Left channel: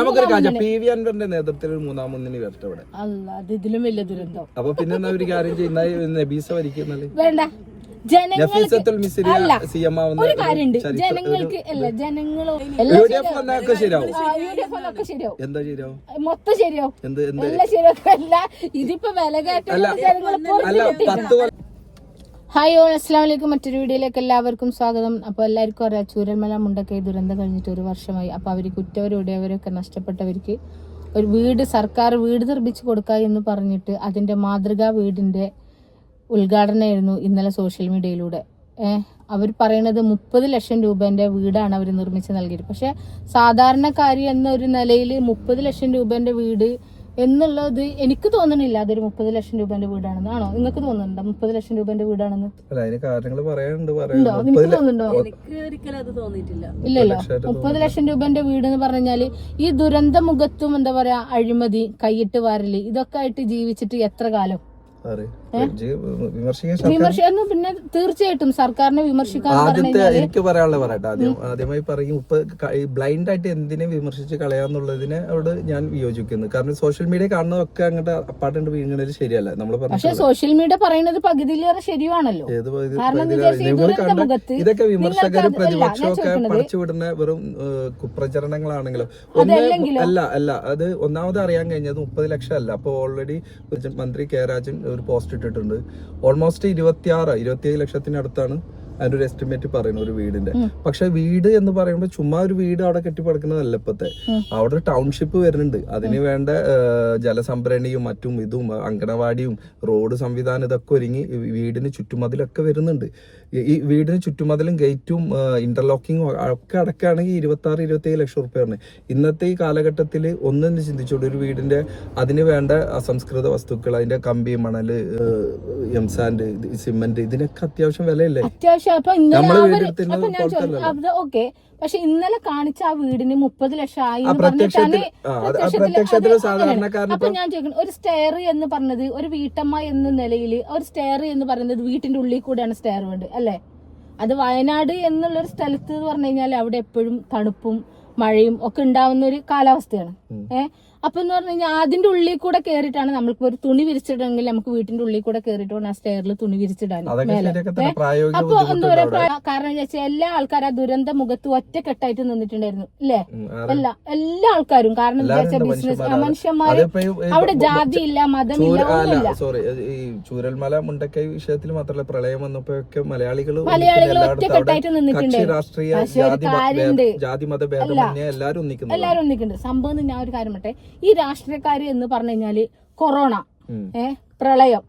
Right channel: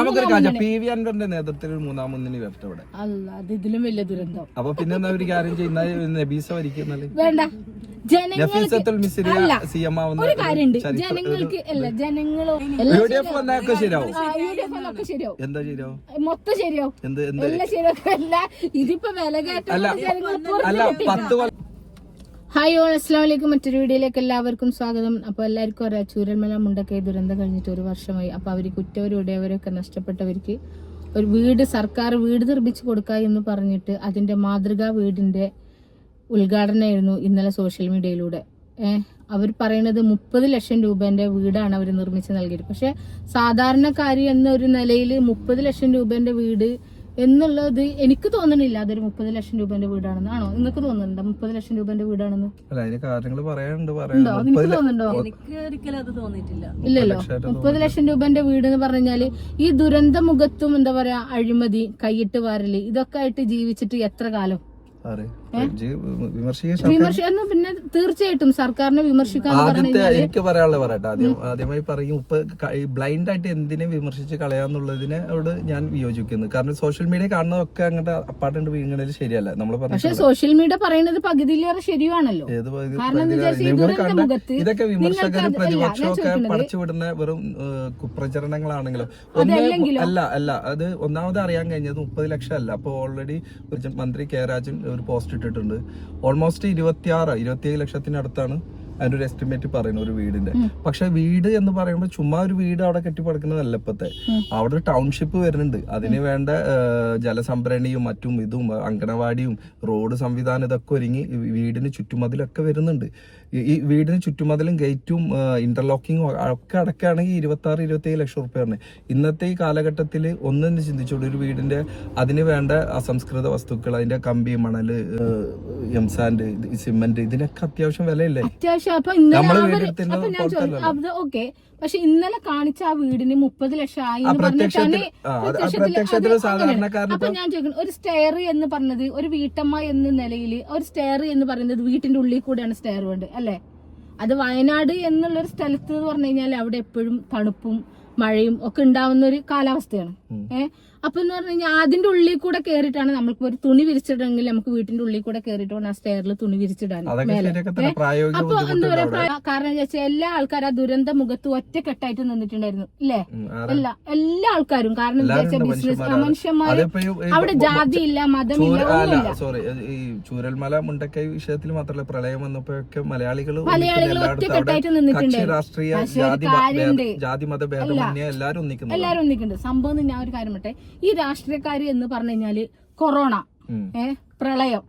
നമുക്കൊരു കാര്യം PV അൻവറിന്റെ നേതൃത്വത്തിൽ ഒരു മൂന്നാം മുന്നണി വരട്ടെ ഇവിടെ. അത് ഇതിലും വലിയ ദുരന്തം. അപ്പൊ പിന്നെ എന്നാ ഒരു കാര്യം ചെയ്യുന്ന നബീസ ഭരിക്കുന്നല്ലേ വേണ്ട. ഒരു കാര്യമുണ്ട്, ജനങ്ങൾക്ക് അല്ല ജനങ്ങളോ ശരിയാവും, എന്താ ശരിയാവും, മൊത്തം ശരിയാവും, എല്ലാം ശരിയാവും. അല്ല ഇതിപ്പോ വില കയറ്റം. ഹായ് ഓൾ, അസ്സലാമു അലൈക്കും. മറ്റൊരു വീഡിയോയിലേക്ക് എല്ലാവർക്കും സ്വാഗതം. അപ്പൊ എല്ലാവർക്കും അറിയാം, ചൂരൽമല മുണ്ടക്കൈ ദുരന്തം കഴിഞ്ഞിട്ട് 1 വർഷമായി. അപ്പൊ അവർക്ക് ഉറ്റവരുടെയവരൊക്കെ നഷ്ടപ്പെട്ടവർക്ക് ഒരു വീട്, സർക്കാർ വീട് നിർമ്മിച്ചു കൊടുക്കുക എന്ന് പറഞ്ഞിട്ട് അതിന്റെ മാതൃകാ വീടിന്റെ ഉദ്ഘാടനമായിരുന്നു ഇന്നലെ സോഷ്യൽ മീഡിയയിലൂടെ. അവർ പറയുന്നത് 30 ലക്ഷം രൂപന്റെ വീടാണ് അവർ നിർമ്മിച്ച് നൽകിയത്. പക്ഷെ സാധാരണക്കാരി എന്ന ഒരു നിലയിൽ 30 ലക്ഷം രൂപന്റെ വീട് എന്നുള്ളത് എനിക്ക് തോന്നുന്നില്ല അതൊരു 30 ലക്ഷം രൂപന്റെ വീടാണെന്ന്. ആണോ നിങ്ങൾക്ക് തോന്നുന്നുണ്ടോ 30 ലക്ഷം രൂപന്റെ വീടാണെന്ന്? ഇല്ലല്ലോ. 30 ലക്ഷം രൂപന്റെ വീട് എന്ന് പറഞ്ഞാല് ഈ ദുരന്ത മുഖത്തും എന്താ പറയാ, അഴിമതി, കൈയിട്ട് വാരല്, ഇതൊക്കെ ആയിട്ട് ജീവിച്ചിട്ട് എത്ര കാലം? വിമർശിക്കുന്നു. പിന്നെ തീർച്ചയായിട്ടും സർക്കാരിനെ വിമർശിക്കാൻ എനിക്ക് പറയാനുള്ളത് പറയട്ടെ. ആദ്യമായി പറയും, ഇപ്പൊ ബ്ലൈൻഡ് ആയിട്ട് എന്തിനെ വിമർശിച്ച് കളയാന്നുള്ളതിനോട് ഞാൻ വിയോജിക്കുന്നു. കാരണം സോഷ്യൽ മീഡിയ കാണുന്നതൊക്കെ അങ്ങോട്ട് അപ്പാട്ടുണ്ട് വീഴുന്നത് ശരിയല്ല. നമ്മൾ പക്ഷേ സോഷ്യൽ മീഡിയ പറയുന്നത് പകുതിയിലേറെ ശരിയാണല്ലോ. ഇതൊക്കെ വിമർശകർ പ്രതിപക്ഷമൊക്കെ പടച്ചുവിടുന്ന വെറും കുപ്രചരണങ്ങളാണെങ്കിലും അല്ല അത് ഒന്നാമത് അറിയാൻ കഴിഞ്ഞത് 30 ലക്ഷം അല്ല. അപ്പൊ ഓൾറെഡി മന്ത്രി കെ രാജൻ ഒരു പോസ്റ്റ് ഇട്ടിട്ടുണ്ട്. ഓൾമോസ്റ്റ് 26-27 ലക്ഷത്തിനടുത്താണ് അതിന്റെ ഒരു എസ്റ്റിമേറ്റ് പറയുന്നത് ഒരു വീടിന്റെ. പക്ഷെ വീട് എന്ന് പറയുമ്പോൾ ചുമ്മാ ഒരു വീട് അവിടെ കെട്ടിപ്പടുക്കുന്നതല്ല. ഇപ്പത്തെ അവിടെ ഒരു ടൗൺഷിപ്പ് വരുന്നുണ്ട്. അതിന് വേണ്ട ജലസംഭരണിയും മറ്റും ഇതും അങ്കണവാടിയും റോഡ് സംവിധാനം ഇതൊക്കെ ഒരുങ്ങി വീടിന് ചുറ്റുമതിലൊക്കെ വരുന്നുണ്ട്. ഈ വീടിന് ചുറ്റുമതിലും ഗേറ്റും ഇന്റർലോക്കിങ്ങും ഒക്കെ അടക്കുകയാണെങ്കിൽ 26-27 ലക്ഷം റുപ്യാണ്. ഇന്നത്തെ ഈ കാലഘട്ടത്തിൽ ഒന്നും ചിന്തിച്ചോളൂ, ഒരു വീടിന്റെ അതിന് വേണ്ട അസംസ്കൃത വസ്തുക്കൾ, അതിന്റെ കമ്പി, മണല്, എംസാൻഡ്, സിമന്റ്, ഇതിനൊക്കെ അത്യാവശ്യം വിലയില്ലേ? നമ്മള് വീടെടുത്തിരുന്നത്. ഓക്കെ, പക്ഷെ ഇന്നലെ കാണിച്ച ആ വീടിന് 30 ലക്ഷം ആയി. അപ്പൊ ഞാൻ ചോദിക്കുന്നു, ഒരു സ്റ്റെയർ എന്ന് പറഞ്ഞത് ഒരു വീട്ടമ്മ എന്ന നിലയിൽ ഒരു സ്റ്റെയർ എന്ന് പറയുന്നത് വീട്ടിന്റെ ഉള്ളിൽ കൂടെയാണ് സ്റ്റെയർ വേണ്ടത് അല്ലെ? അത് വയനാട് എന്നുള്ളൊരു സ്ഥലത്ത് എന്ന് പറഞ്ഞു കഴിഞ്ഞാൽ അവിടെ എപ്പോഴും തണുപ്പും മഴയും ഒക്കെ ഉണ്ടാവുന്ന ഒരു കാലാവസ്ഥയാണ്. അപ്പൊ എന്ന് പറഞ്ഞു കഴിഞ്ഞാൽ അതിന്റെ ഉള്ളിൽ കൂടെ കയറിയിട്ടാണ് നമ്മൾക്ക് ഒരു തുണി വിരിച്ചിടണമെങ്കിൽ നമുക്ക് വീട്ടിന്റെ ഉള്ളിൽ കൂടെ കയറിയിട്ട് വേണം ആ സ്റ്റെയറിൽ തുണി വിരിച്ചിടാൻ. അപ്പൊ എന്താ പറയാ, കാരണം വെച്ചാൽ എല്ലാ ആൾക്കാരും ആ ദുരന്ത മുഖത്ത് ഒറ്റക്കെട്ടായിട്ട് നിന്നിട്ടുണ്ടായിരുന്നു അല്ലേ? എല്ലാ ആൾക്കാരും. കാരണം എന്താ വെച്ചാൽ ബിസിനസ് മനുഷ്യന്മാര് അവിടെ ജാതിയില്ല, മതമില്ല, ഒന്നുമില്ല. ചൂരൽമല മുണ്ടക്കൈ വിഷയത്തിൽ മാത്രമല്ല, പ്രളയം വന്നപ്പോഴൊക്കെ മലയാളികൾ ഒറ്റക്കെട്ടായിട്ട് നിന്നിട്ടുണ്ടായിരുന്നു. പക്ഷെ ഒരു കാര്യമുണ്ട്, എല്ലാരും ഒന്നിക്കുന്നുണ്ട്. സംഭവം ഞാൻ ഒരു കാര്യം പറട്ടെ, ഈ രാഷ്ട്രീയക്കാര് എന്ന് പറഞ്ഞു കഴിഞ്ഞാല് കൊറോണ, പ്രളയം,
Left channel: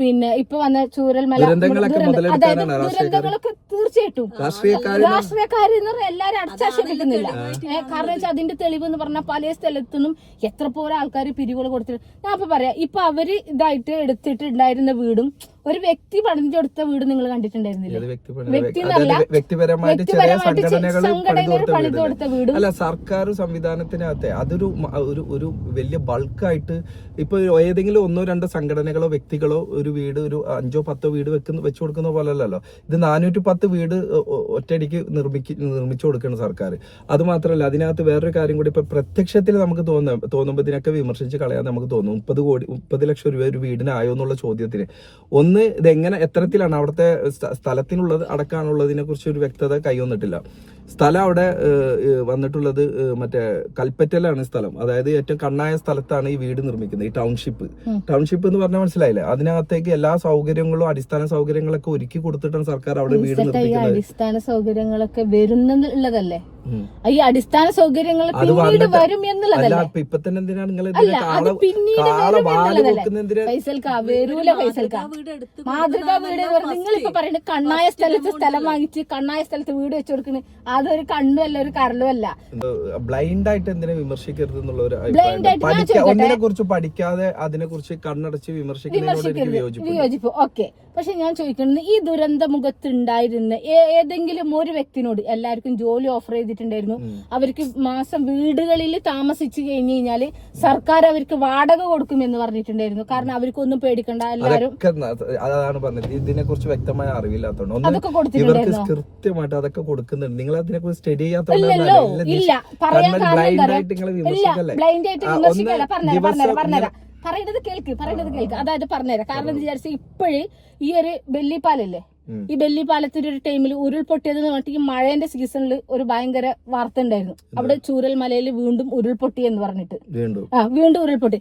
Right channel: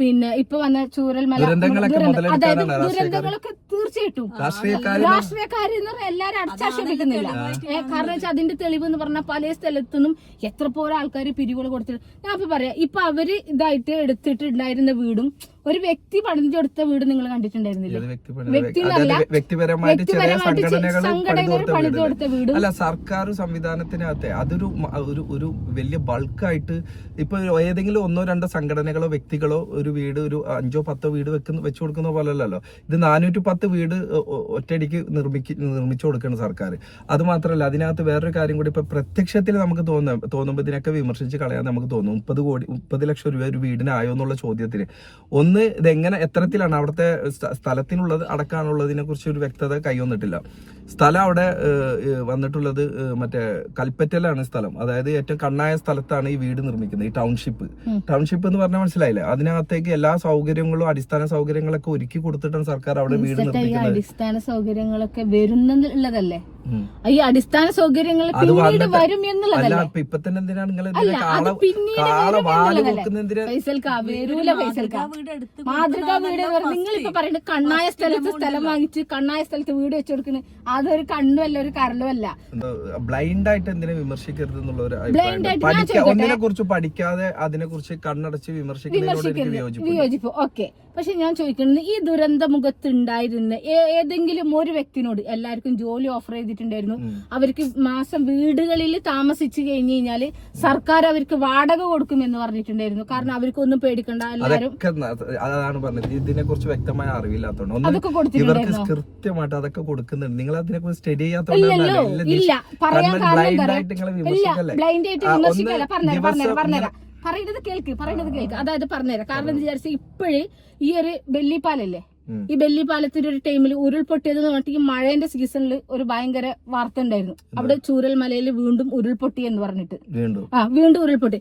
പിന്നെ ഇപ്പൊ വന്ന ചൂരൽമല, അതായത് ദുരന്തങ്ങളൊക്കെ തീർച്ചയായിട്ടും രാഷ്ട്രീയക്കാര് എല്ലാരും അടച്ചാക്ഷേപിക്കുന്നില്ല. കാരണം വെച്ചാൽ അതിന്റെ തെളിവ് എന്ന് പറഞ്ഞാൽ പല സ്ഥലത്തുനിന്നും എത്ര പോലെ ആൾക്കാർ പിരിവുകൾ കൊടുത്തിട്ട്. ഞാൻ ഇപ്പൊ പറയാം, ഇപ്പൊ അവര് ഇതായിട്ട് എടുത്തിട്ടുണ്ടായിരുന്ന വീടും ഒരു വ്യക്തി പണിതെടുത്ത വീട് നിങ്ങൾ കണ്ടിട്ടുണ്ടായിരുന്നില്ല? വ്യക്തിപരമായിട്ട് ചെറിയ സംഘടനകൾ പണിതെടുത്ത വീട് അല്ല, സർക്കാർ സംവിധാനത്തിനകത്തെ അതൊരു ഒരു വലിയ ബൾക്കായിട്ട് ഇപ്പൊ ഏതെങ്കിലും 1-2 സംഘടനകളോ വ്യക്തികളോ ഒരു വീട്, ഒരു 5-10 വീട് വെച്ചു കൊടുക്കുന്ന പോലെയല്ലോ. ഇത് 410 വീട് ഒറ്റയടിക്ക് നിർമ്മിച്ചു കൊടുക്കണം സർക്കാർ. അത് മാത്രമല്ല, അതിനകത്ത് വേറൊരു കാര്യം കൂടി, ഇപ്പൊ പ്രത്യക്ഷത്തിൽ നമുക്ക് തോന്നുമ്പോൾ ഇതിനൊക്കെ വിമർശിച്ച് കളയാൻ നമുക്ക് തോന്നും. 30 ലക്ഷം രൂപ ഒരു വീടിനായോ എന്നുള്ള ചോദ്യത്തിന് ഇതെങ്ങനെ, എത്തരത്തിലാണ് അവിടുത്തെ സ്ഥലത്തിനുള്ളത് അടക്കാനുള്ളതിനെ കുറിച്ച് ഒരു വ്യക്തത കൈവന്നിട്ടില്ല. സ്ഥലം അവിടെ വന്നിട്ടുള്ളത് മറ്റേ കൽപ്പറ്റയിലാണ് സ്ഥലം. അതായത് ഏറ്റവും കണ്ണായ സ്ഥലത്താണ് ഈ വീട് നിർമ്മിക്കുന്നത്. ഈ ടൗൺഷിപ്പ് എന്ന് പറഞ്ഞാൽ മനസ്സിലായില്ലേ? അതിനകത്തേക്ക് എല്ലാ സൗകര്യങ്ങളും അടിസ്ഥാന സൗകര്യങ്ങളൊക്കെ ഒരുക്കി കൊടുത്തിട്ടാണ് സർക്കാർ അവിടെ വീട് നിർമ്മിക്കുന്നത്. അടിസ്ഥാന സൗകര്യങ്ങളൊക്കെ വരുന്നുള്ളതല്ലേ? ഈ അടിസ്ഥാന സൗകര്യങ്ങൾ വരും എന്നുള്ളതല്ല. ഇപ്പൊ തന്നെ എന്തിനാണ് നിങ്ങൾ മാതൃകാ വീട്? നിങ്ങളിപ്പോ പറയുന്നത് കണ്ണായ സ്ഥലത്ത് സ്ഥലം വാങ്ങിച്ച് കണ്ണായ സ്ഥലത്ത് വീട് വെച്ചു കൊടുക്കുന്നത് അതൊരു കണ്ണും അല്ല, ഒരു കരലും അല്ല. ബ്ലൈൻഡ് ആയിട്ട് എന്തിനെ വിമർശിക്കരുത് എന്നുള്ള ഒരു ഒന്നിനെ കുറിച്ച് പഠിക്കാതെ അതിനെ കുറിച്ച് കണ്ണടച്ച് വിമർശിക്കുന്നതിനോട് വിയോജിപ്പ്. ഓക്കെ, പക്ഷെ ഞാൻ ചോദിക്കുന്നത്, ഈ ദുരന്ത മുഖത്ത് ഉണ്ടായിരുന്ന ചെയ്യുന്ന ഏതെങ്കിലും ഒരു വ്യക്തിനോട് എല്ലാവർക്കും ജോലി ഓഫർ ചെയ്തിട്ടുണ്ടായിരുന്നു. അവർക്ക് മാസം വീടുകളിൽ താമസിച്ചു കഴിഞ്ഞു കഴിഞ്ഞാല് സർക്കാർ അവർക്ക് വാടക കൊടുക്കുമെന്ന് പറഞ്ഞിട്ടുണ്ടായിരുന്നു. കാരണം അവർക്കൊന്നും പേടിക്കണ്ട, എല്ലാവരും അതാണ് പറഞ്ഞത്. ഇതിനെ കുറിച്ച് വ്യക്തമായ അറിവില്ലാത്തതുകൊണ്ട് അതൊക്കെ ഇവർക്ക് കൊടുത്തിട്ടുണ്ടായിരുന്നു. കൃത്യമായിട്ട് അതൊക്കെ കൊടുക്കുന്നുണ്ട്. നിങ്ങൾ അതിനെ കുറിച്ച് സ്റ്റഡി ഇല്ല പറയാൻ ബ്ലൈൻഡ് ആയിട്ട് നിങ്ങളെ വിമർശിക്കല്ലേ. ബ്ലൈൻഡ് ആയിട്ട് വിമർശിക്കല്ല. പറഞ്ഞുതരാം പറയുന്നത് കേൾക്ക്. അതായത് പറഞ്ഞുതരാം. കാരണം എന്താ വിചാരിച്ചാൽ ഇപ്പോഴേ ഈ ഒരു ബെല്ലിപ്പാലല്ലേ, ഈ ബെല്ലിപ്പാലത്തിന്റെ ഒരു ടൈമിൽ ഉരുൾപൊട്ടിയത് എന്ന് പറഞ്ഞിട്ട് ഈ മഴേന്റെ സീസണിൽ ഒരു ഭയങ്കര വാർത്ത ഉണ്ടായിരുന്നു. അവിടെ ചൂരൽമലയിൽ വീണ്ടും ഉരുൾപൊട്ടി എന്ന് പറഞ്ഞിട്ട് വീണ്ടും ഉരുൾപൊട്ടി.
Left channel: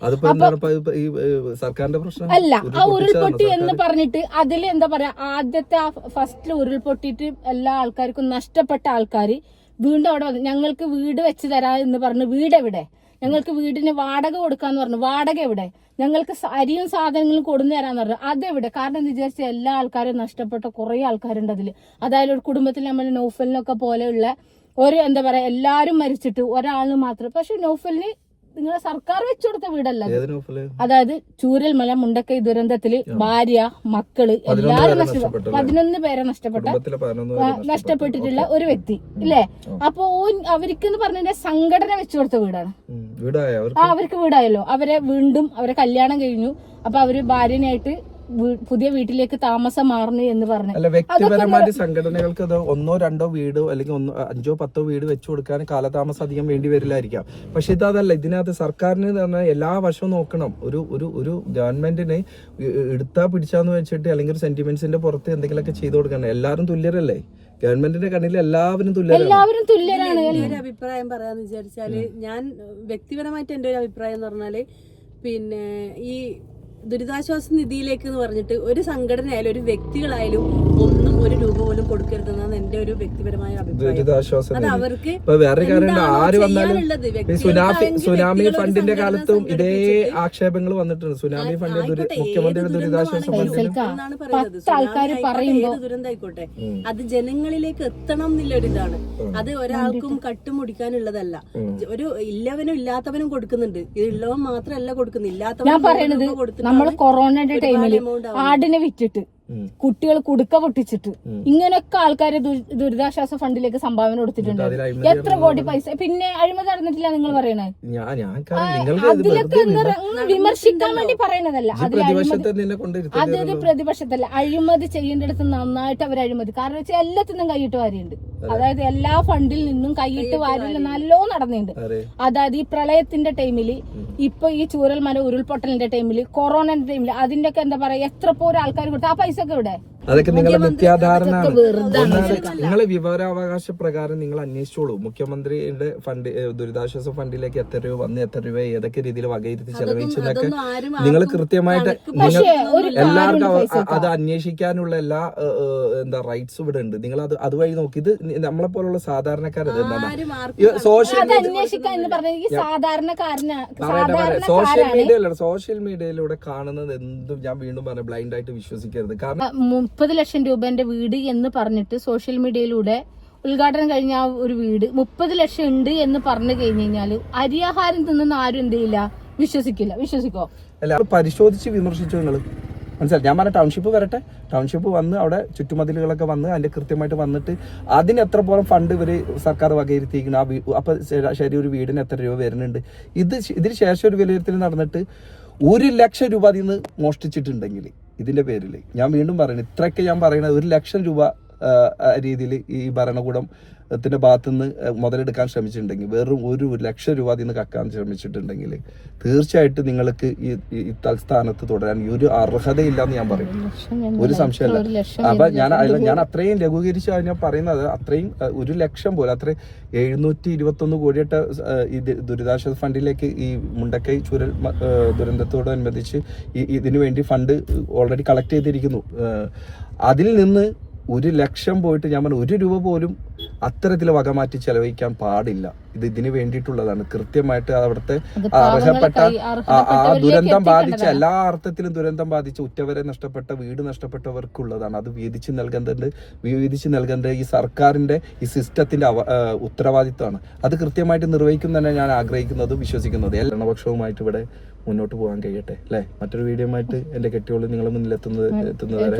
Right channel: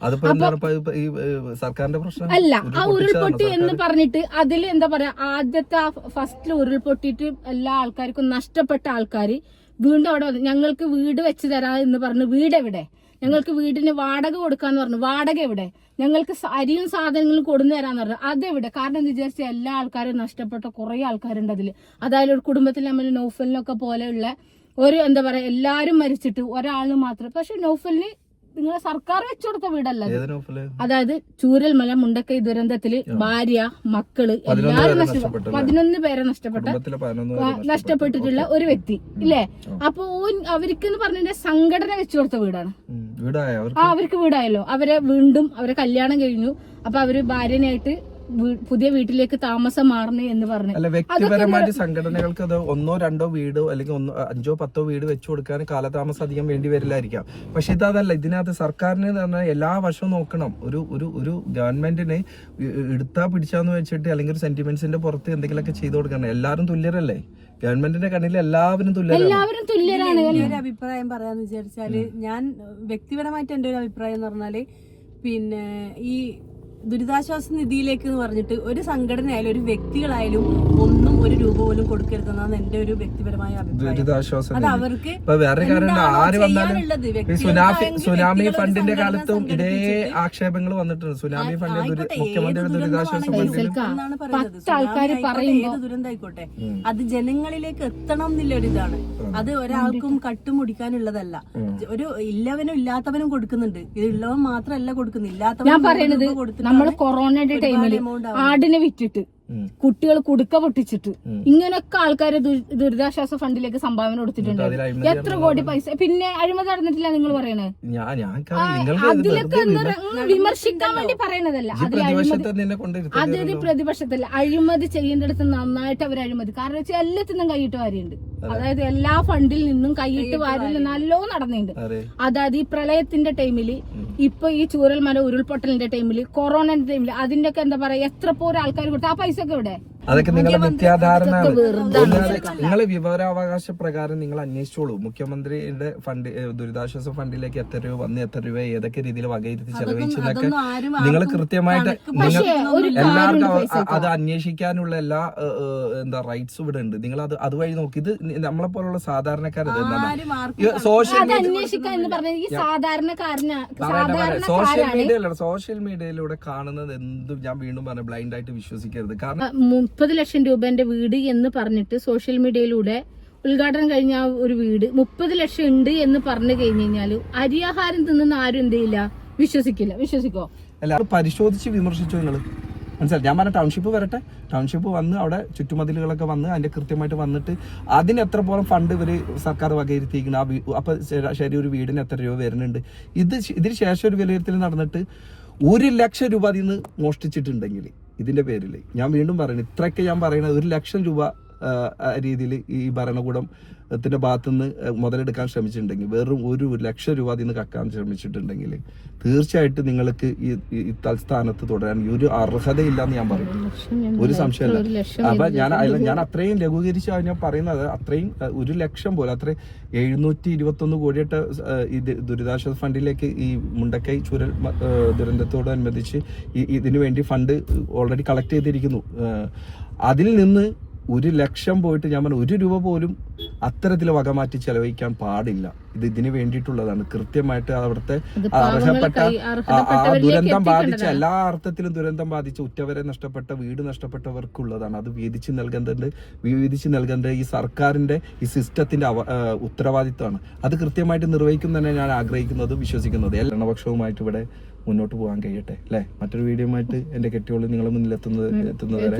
അല്ല, ആ ഉരുൾപൊട്ടി എന്ന് പറഞ്ഞിട്ട് അതിൽ എന്താ പറയാ, ആദ്യത്തെ ഫസ്റ്റിൽ ഉരുൾപൊട്ടിയിട്ട് എല്ലാ ആൾക്കാർക്കും നഷ്ടപ്പെട്ട ആൾക്കാര് വീണ്ടും അവിടെ വന്നു. ഞങ്ങൾക്ക് വീട് വെച്ച് തരാം എന്ന് പറഞ്ഞു. വീട് എവിടെ? ഞങ്ങൾക്ക് വീടിന് വാടക കൊടുക്കാന്ന് പറഞ്ഞു. വാടക എവിടെ? ഞങ്ങൾക്ക് അരിയും സാധനങ്ങളും കൊടുന്നു തരാന്ന് പറഞ്ഞു. അതെവിടെ? കാരണം എന്ന് വിചാരിച്ചാൽ എല്ലാ ആൾക്കാരും നഷ്ടപ്പെട്ട കുറെ ആൾക്കാരുണ്ട് അതില്. അതായത് ഒരു കുടുംബത്തിൽ നമ്മൾ നൗഫലിനൊക്കെ പോലെയുള്ള ഒരു എന്താ പറയാ, എല്ലാരും മരിച്ചിട്ട് ഒരാള് മാത്രം. പക്ഷെ നൗഫലിന് നിങ്ങളെ സർക്കാർ വെച്ചു കൊടുത്ത വീടല്ല. അതായത് ചൂരൽമല മുണ്ടക്കൈ ദുരന്തത്തില് ഭാര്യ, മക്കള് എല്ലാരും 11 പേരെ നഷ്ടപ്പെട്ടിട്ടുള്ള ഒരു വ്യക്തി ഇല്ലേ. അപ്പൊ അവർക്ക് പറഞ്ഞ സംഘടന വെച്ചു കൊടുത്ത വീടാണ്. അവർക്ക് വീടായല്ലോ. അവരെ കല്യാണം കഴിഞ്ഞു. അപ്പൊ അവര് ഭാര്യനായിട്ട് പുതിയ വീട്ടിലേക്ക് താമസം മാറണേ എന്ന് പറഞ്ഞു. അല്ല, വ്യക്തിപരമായിട്ട് സംഘടനകൾക്ക് അത് 1-2 വീടോ അല്ലെങ്കിൽ 5-10 വീട് വെച്ചു കൊടുക്കാൻ കാലതാമസം അധികം വേണ്ടി വരില്ലായിരിക്കാം. പക്ഷെ ഇതല്ല. ഇതിനകത്ത് സർക്കാരിന് പറഞ്ഞാൽ എല്ലാ വർഷവും നോക്കണം. ഒരു ഗവൺമെന്റിന് എടുത്താ പിടിച്ചാന്ന് വെച്ചിട്ട് അല്ലെങ്കിൽ ഒരു സെന്റിമെന്റ്സിന്റെ പുറത്ത് എന്തെങ്കിലുമൊക്കെ ചെയ്തു കൊടുക്കണം. എല്ലാവരും തുല്യരല്ലേ? ഗവൺമെന്റിന്റെ കണ്ണിൽ എല്ലാവരും തുല്യരാണ്. എന്റെ അഭിപ്രായം പറയാന്ന് വിചാരിച്ചാല്, ഞാൻ വ്യക്തിപരമായിട്ട് എന്റെ ഒരു അഭിപ്രായം എന്ന് പറഞ്ഞാല്, പിന്നെ ഈ ദുരിതാശ്വാസ നിധിയിലേക്ക് എന്ന് പറഞ്ഞിട്ട് ഒരു സംഘടനയായാലും ഒരു വ്യക്തികളായാലും ഒന്നും ഒരു രൂപ പോലും കൊടുക്കരുതെന്നാണ് എന്റെ ഒരു വ്യക്തിപരമായ അഭിപ്രായം. അത് അവർക്ക് സുനാമി ഫണ്ടിന്റെ കാലത്തും ഇതേ ആക്ഷേപങ്ങൾ വന്നിട്ടുണ്ട്. സുനാമി ഫണ്ട് മുഖ്യമന്ത്രിയുടെ ദുരിതാശ്വാസ ഫണ്ടിൽ എന്നാണ് പറയുന്നത്. ഏത് ദുരന്തമായിക്കോട്ടെ അത് ജനങ്ങളിലേക്ക് എത്തണം എന്നുള്ള ഒരു ഇതാണ്. അത് ഒരാൾക്കും കട്ടുമുടിക്കാനുള്ളതല്ല. ഒരു ഇല്ലവനും ഇല്ലാത്തവനും കൊടുക്കുന്നുണ്ട്. ഇത് ഉള്ളവൻ മാത്രമല്ല കൊടുക്കുന്നത്, ഇല്ലാത്തവനും കൊടുത്തിട്ട് നമ്മൾ കൊറോണയുടെ ടൈമില് ആടിനെ വിറ്റിട്ട് കുട്ടികൾ കുടുക്ക പൊട്ടിച്ചിട്ട് ഇങ്ങനൊക്കെ ആൾക്കാര് ദുരിതാശ്വാസ ഫണ്ടിലേക്ക് സംഭാവന കൊടുത്തിട്ടുണ്ട്. എത്ര കോടി പൈസ. പിന്നെ അഴിമതി നടന്നിട്ടില്ല നിങ്ങൾ പറയണേ. അതിലൊക്കെ വിമർശിക്കാൻ വേണ്ടി പറയണതല്ല. അതൊരു പ്രതിപക്ഷത്തല്ല. അഴിമതി ചെയ്യേണ്ടടുത്ത് നന്നായിട്ട് അവർ അഴിമതി. കാരണം വെച്ചാൽ എല്ലാത്തിനും കൈയിട്ട് വാരിയുണ്ട്. അതായത് എല്ലാ ഫണ്ടിൽ നിന്നും കൈയിട്ട് വാരുന്ന നല്ലോ നടന്നിട്ടുണ്ട്. അതായത് ഈ പ്രളയത്തിന്റെ ടൈമില്, ഇപ്പൊ ഈ ചൂരൽമല ഉരുൾപൊട്ടലിന്റെ ടൈമില്, കൊറോണന്റെ ടൈമില്, അതിന്റെ ഒക്കെ എന്താ പറയാ, എത്ര പോലും ആൾക്കാർ കൊടുത്ത ആ പൈസ ഒക്കെ ഇവിടെ. അതൊക്കെ നിങ്ങളെ നിത്യാധാരണ. നിങ്ങള് വിവരാവകാശ പ്രകാരം നിങ്ങൾ അന്വേഷിച്ചോളൂ. മുഖ്യമന്ത്രിയുടെ ഫണ്ട്, ദുരിതാശ്വാസ ഫണ്ടിലേക്ക് എത്ര രൂപ വന്ന്, എത്ര രൂപ ഏതൊക്കെ രീതിയിൽ വകയിരുത്തി ചെലവഴിച്ചതൊക്കെ നിങ്ങൾ കൃത്യമായിട്ട് എല്ലാവർക്കും അത് അന്വേഷിക്കാനുള്ള എല്ലാ റൈറ്റ്സ് ഇവിടെ ഉണ്ട്. നിങ്ങൾ അതുവഴി നോക്കി. ഇത് നമ്മളെ പോലുള്ള സാധാരണക്കാരത് സോഷ്യൽ മീഡിയയിലൂടെ കാണുന്നത് എന്തും ഞാൻ വീണ്ടും പറഞ്ഞ ബ്ലൈൻഡ് ആയിട്ട് വിശ്വസിക്കരുത്. കാരണം 30 ലക്ഷം രൂപന്റെ വീട് എന്ന് പറഞ്ഞിട്ട് സോഷ്യൽ മീഡിയയിലൂടെ ഉദ്ഘാടനം കഴിഞ്ഞ ആ ഒരു വീട് 30 ലക്ഷം ഉണ്ട് എന്ന് പറഞ്ഞു കഴിഞ്ഞു കഴിഞ്ഞാല് അരിയാഹാരം തിന്നുന്ന ആരും എന്ത് ചെയ്യില്ല, വിശ്വസിക്കോ? അല്ല, പരിശോധിച്ച് വിമർശിച്ചു നിങ്ങൾ. മനസ്സിലായി? ഞാൻ പറഞ്ഞ ടൗൺഷിപ്പ് വരട്ടെ. ടൗൺഷിപ്പ് വന്ന് അവിടെ ചുറ്റുമതിലുകളൊക്കെ വന്ന് അതിന്റെ കൃത്യമായിട്ട് വന്നിട്ട് അതിന് എത്ര പോലും ഫണ്ട് ഇവര് സർക്കാർ വകയിരുത്തിയിരിക്കണം. അപ്പൊ ശരി, ഒരു വീടിന് എത്ര രൂപ വരുന്നുണ്ട്. ഇതിന് ശേഷം ഒരു വിലയിരുത്തൽ നടന്നിട്ട് 1 ലക്ഷം രൂപ അതിൽ നിന്ന് മോഷ്ടിച്ചിട്ടുണ്ടെങ്കിൽ ഇതിന്റെ പേരിൽ ഞാൻ വീണ്ടും പറയുന്നത്, ഇത്രയൊക്കെ ഞാൻ പറയുന്നത് 1 ലക്ഷം രൂപ രീതിയിൽ ഈ ഭരണകൂടത്തിന്റെ ഭാഗത്തുനിന്ന് മുതലെടുക്കാൻ ശ്രമിച്ചിട്ടുണ്ടെങ്കിൽ, വെറും 1 ലക്ഷം രൂപ അതിൽ നിന്ന് കക്കാൻ ശ്രമിച്ചിട്ടുണ്ടെങ്കിൽ തീർച്ചയായിട്ടും നിങ്ങൾക്ക് ഈ തൽസ്ഥാനത്ത് തുടരാൻ ഒരു അർഹതയില്ല എന്ന് ഞാൻ പറയും. ഒരു സംശയമല്ല. അപ്പൊ ഞാൻ അത്രയും ലഘൂകരിച്ച് ഞാൻ പറയുന്നത്, അത്രയും 1 ലക്ഷം പോലെ അത്രയും 721 കോടിയുടെ ഈ ദുരിതാശ്വാസ ഫണ്ടിലേക്ക് ഈ മുണ്ടക്കൈ ചുരൽ ദുരന്തത്തോടനുബന്ധിച്ച് ഇതിനു വേണ്ടി ഫണ്ട് ഓൾറെഡി കളക്ട് ചെയ്തിരിക്കുന്നു. അതിൽ നിന്ന് 1 ലക്ഷം പോയിട്ട് ഞാൻ പറഞ്ഞു 1 രൂപ പോലും അത്തരത്തിൽ വകമാറ്റി ചെലവഴിക്കാൻ പാടില്ല. ഇതിന് വേണ്ടിയിട്ടുള്ളതാണ്. കൃത്യമായിട്ട് അവിടുത്തെ അർഹപ്പെട്ട ദുരന്തം ബാധിച്ച എല്ലാ അർത്ഥത്തിലും ദുരന്തം ബാധിച്ച ഉറ്റവരെ നഷ്ടപ്പെട്ട വീട് നഷ്ടപ്പെട്ടവർക്കുള്ളതാണ്. അത് വീതിച്ച് നൽകേണ്ട ഈ സർക്കാരിന്റെ ഈ സിസ്റ്റത്തിന്റെ ഉത്തരവാദിത്തമാണ്. അത് കൃത്യമായിട്ട് നിർവഹിക്കും തന്നെ ഞാൻ ആഗ്രഹിക്കുന്നതും വിശ്വസിക്കുന്നതും. ഭരണപക്ഷവുമായിട്ട് ഇവിടെ മുന്നോട്ട് പോകാൻ കഴിയട്ടെ അല്ലെ. മറ്റൊരു വീഡിയോ ആയിട്ട് എന്റെ കെട്ടിയോള് നിങ്ങളെ മുന്നിൽ എത്തുന്നത് വരെ.